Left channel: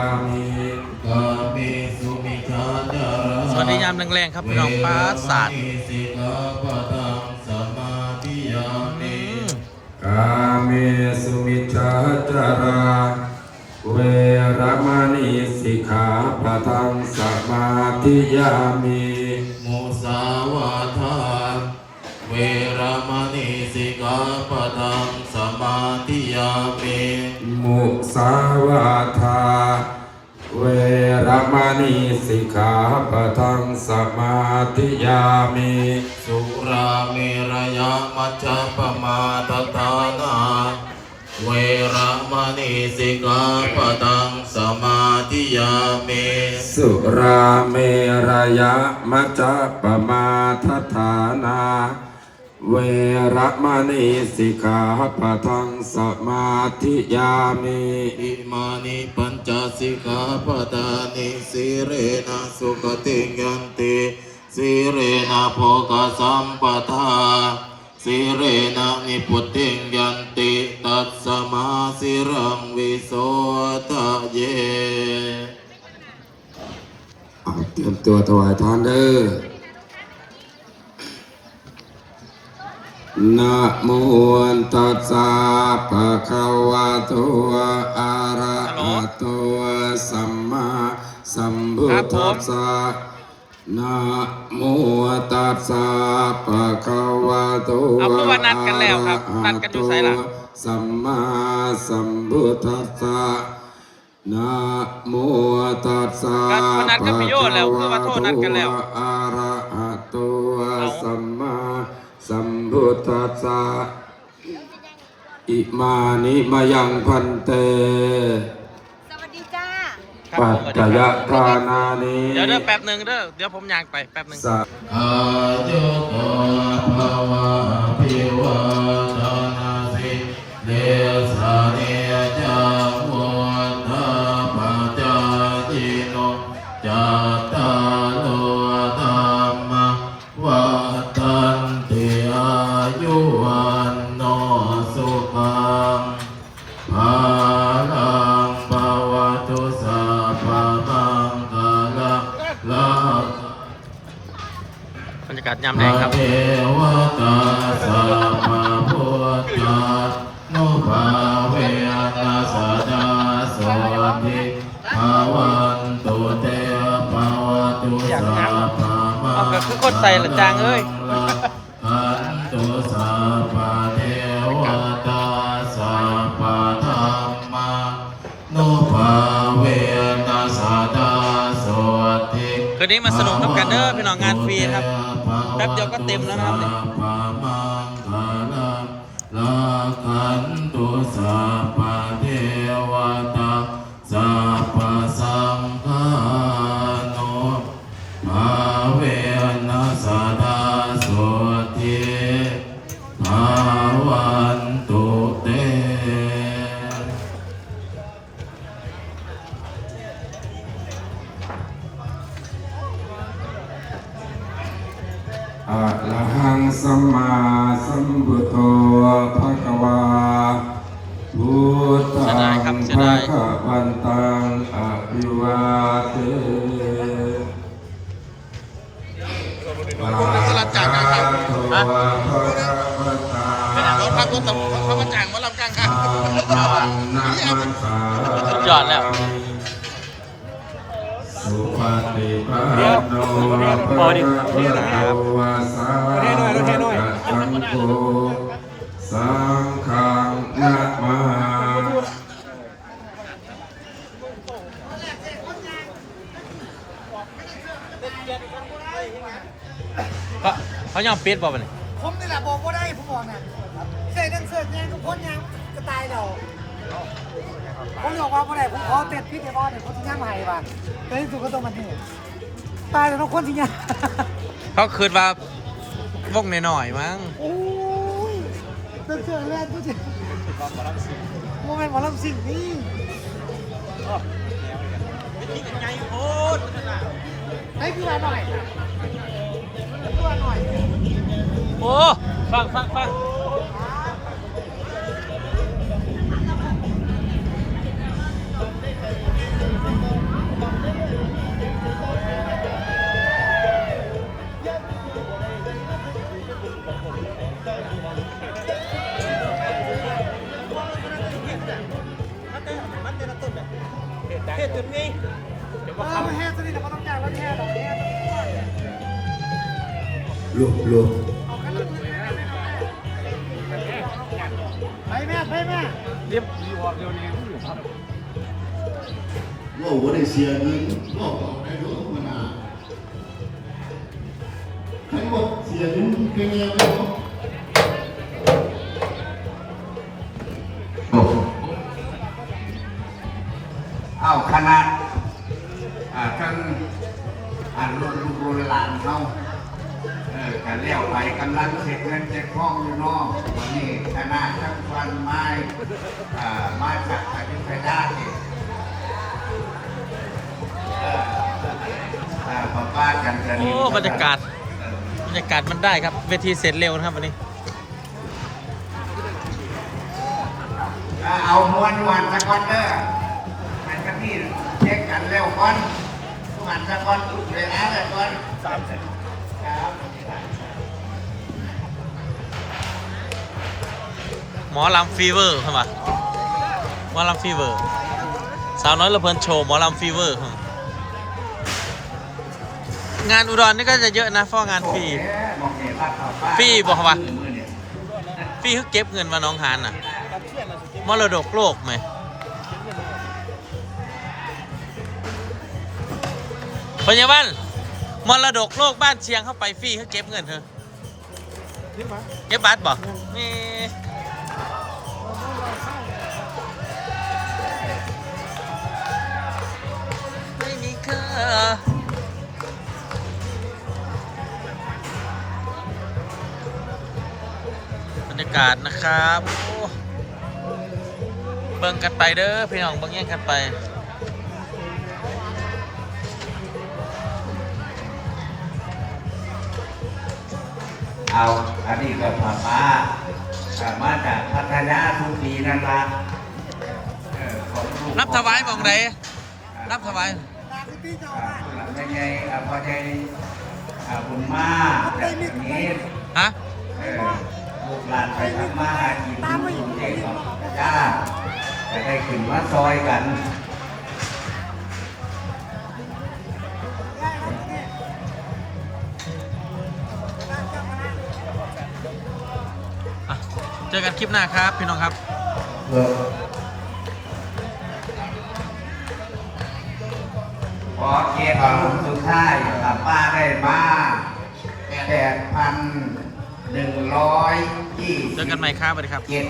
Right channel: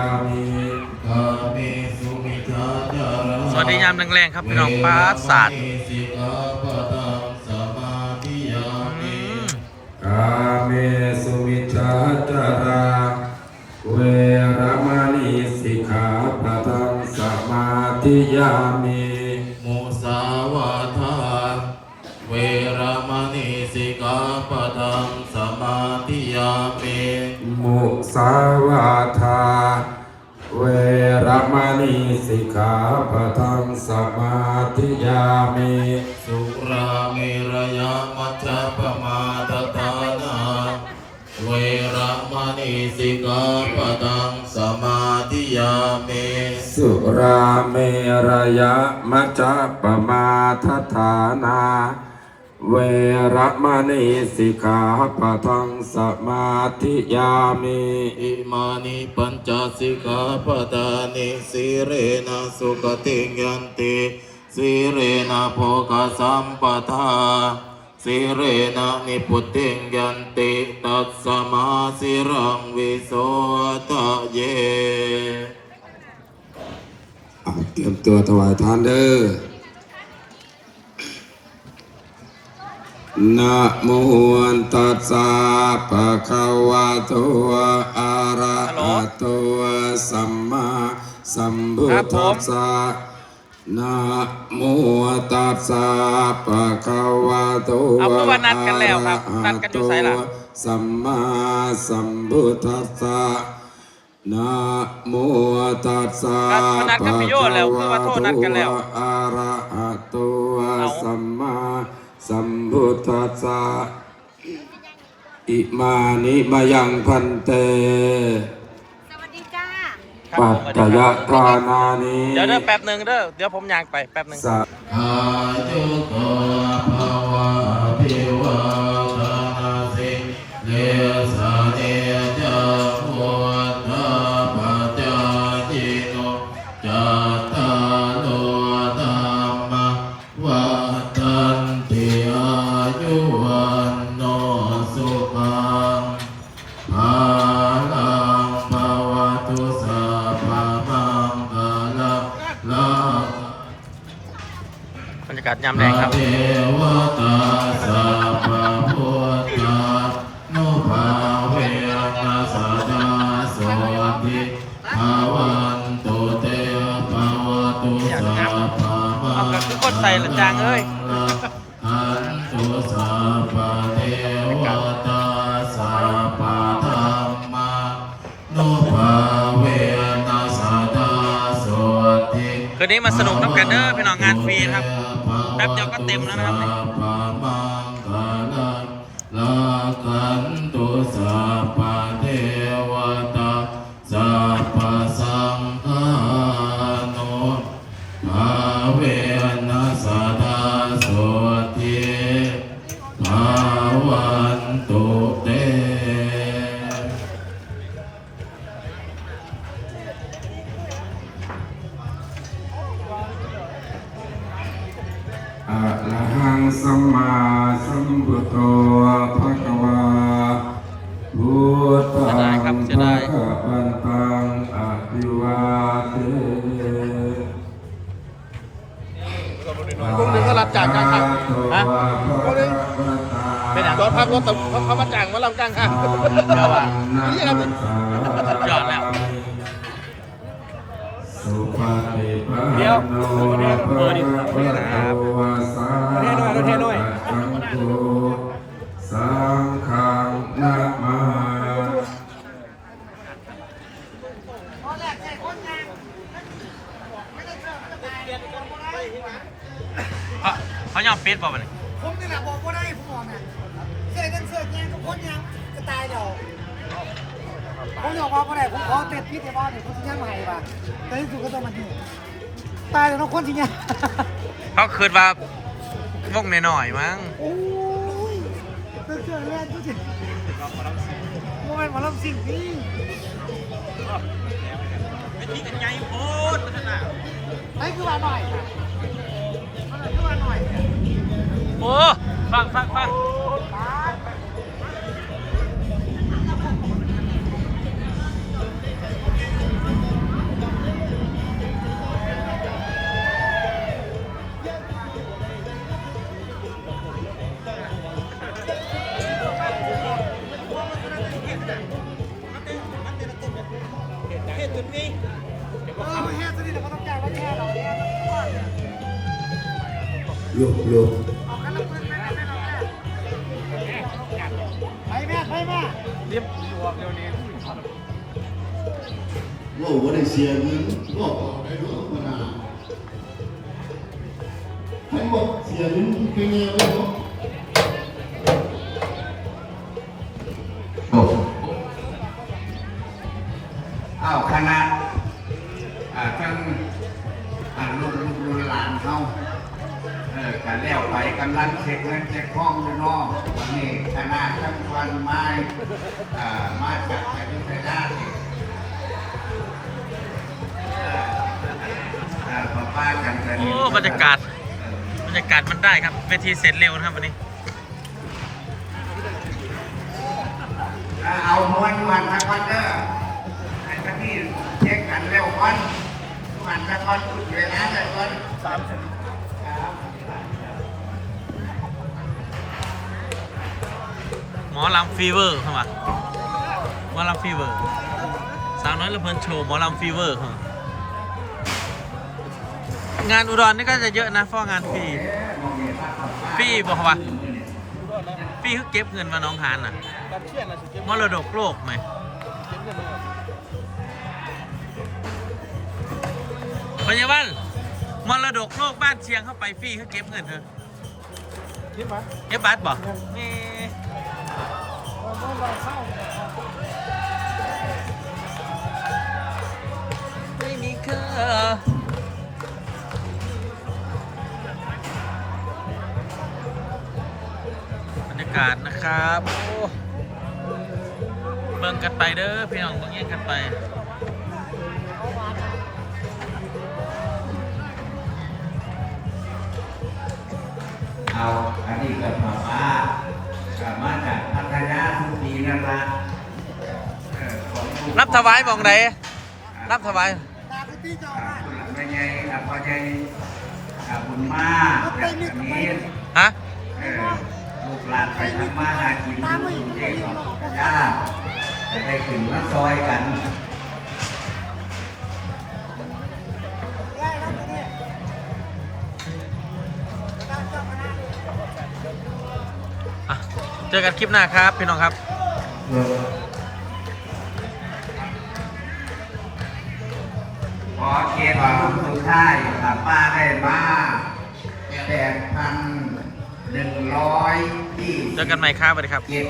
ามิกาเมสุมิชาจาราสวัสดียามแรงๆครับพี่น้องป้าศาสตร์เวรมณีสิกขาปะทังสมาธิยามิกาเมสุมิชาจาราเวรมณีสิกขาปะทังสมาธิยามิมุสาวาทาเวรมณีสิกขาปะทังสมาธิยามิ มุสาวาทา เวรมณีสิกขาปะทังสมาธิยามิสุราเมรยามัจจปมาทตานาเวรมณีสิกขาปะทังสมาธิยามิสุราเมรยะมัจจปมาทฐานา เวรมณีสิกขาปะทังสมาธิยามิอิมานิปัญจสิกขาปทานิสิเรนะสุขติยันติสิเรนะโภคสัมปทาสิเรนะนิพุตติยันติตัสสมาสิรังวิโสทะเยเอาเตรียมตัวถวายทานเด้อ นะโมตัสสะภะคะวะโตอะระหะโตสัมมาสัมพุทธัสสะนะโมตัสสะภะคะวะโตเอาเมื่อวันนัดกันแล้วครับนัดกันอยู่ไสล่ะสัมมาสัมพุทธัสสะนะโมตัสสะก็วันนัดกับพี่โยแล้วคือว่าโทษนัดกันแล้วอะระหะโตเอาสัมมา สัมพุทธัสสะอิมานิมายังพันเตสวัสดีจ้าครับปัผมจสวัสจดีคยรับทานานิเดี๋ยวเด้อแป๊บหนึ่งเด้อเดี๋ยวผมยางไปแป๊บหนึ่ง สัอายุ บรรยากาศยามแรงครับเทวตาสัพพะคือคนใส่หลังจางเอ้ย ตุสัพพ นนี้มาสนุกน้ำกันเด้อพี่น้องงานฟรีนะครับ แป๊บเดียวก็เต็มแล้วนะครับสัพพะมังคลังลาคันตุสัพพเทวตาสัพพสัง อะระหังสัมมาสัมพุทโธภะคะวาพุทธัเสียดายครับงภะคะวันตังอะภิวาเทผมก็รับจ้างกลางครับรถครับรถเขามาจ้างมาลำกลางครับสุดยอดแล้ว ดี๋ยวโอ้ดิสวัสดีครับเทหน่อยเทหน่อยสังฆังนะมาเขาเขายอมปิดบ่มันผมนี่แหละบอกว่าได้ผมบอกเนี่ยเสื้อนั่นเสื้อแยงก็พ้นยางจะตายเดี๋ยวผมบอกว่าบ่ได้ผมขอเต็ดพิษในบ้านเนี่ยวผมจะย่างให้ป่ะแต่ที่สุดก็ต้องมาที่ ตายแต่ต้องคนที่ย่างเขาคืนว่าวงหน่อยๆมั้งโอ้ยเสื้อเสื้อแรกก็จะโมเมนต์มาลำสิ่งนี้ไอ้คือว่าหน่อยคือว่าหน่อยโอ้ฟังฟังฟัง ลูกลูกไปแม่ไปแม่ว่าวันได้เสียเงินว่าออกได้ทุกคนนะใครบอกเสียเงินเป็นไงวะ เช็คเงินเช็คห้องอยู่นอกวันนี้คณะทั้งฟันไม้อ่ามาจากอายุทยาเนี่ยเอ่อเอ่อป้าป้ากันกันโอ้บรรยากาศบรรยากาศมันได้ครับเวทีเสร็จเร็วนะครับวันนี้เอาม้วนวันสักวันเด้ออันนี้เช็คกันเร็วก่อนมันสักวันเวลาสักวันสามสิบครับ มอลำฟีเวอร์เข้ามาหมอลำฟีเวอร์สาวน้อยละเพลินโชว์หมอลำฟีเวอร์เข้ามางานอุดรนี่ก็จะเยอะนะเพราะงานฟรีฟรีบอกว่าฟรีคือเก็บเงินมาน้องหานน่ะมรดกโลกไหมพยาบาลมรดกโลกบ้านเชียงเข้าไปฟรีคือเก็บเงินเถอะเก็บบัตรบ่มี บรรยากาศนะครับโอ้เบิ่งกันไปเด้อพี่น้องเบิ่งแย่งกันไปเอาอันนี้ก็ถามมาถามมาจากพัทยาทุกปีนั่นละเออของลูกรับถวายมองไหนรับถวาย ตาไปตีเจ้าบ้านหลังใหญ่ๆอาพใหญ่อาบุญมากจากนี้ฮะลูกหลานไปทำมาหากินที่กรุงเทพของพัทยาจะได้ขึ้นมาซอยกันเจอกันคลิปหน้าครับ พี่น้องครับ อเกียรติของสุดท้ายป้าได้มาแปดพันหนึ่งร้อยยี่เจสิอบกันใหม่ครับสวัสดีครับ เจ็ด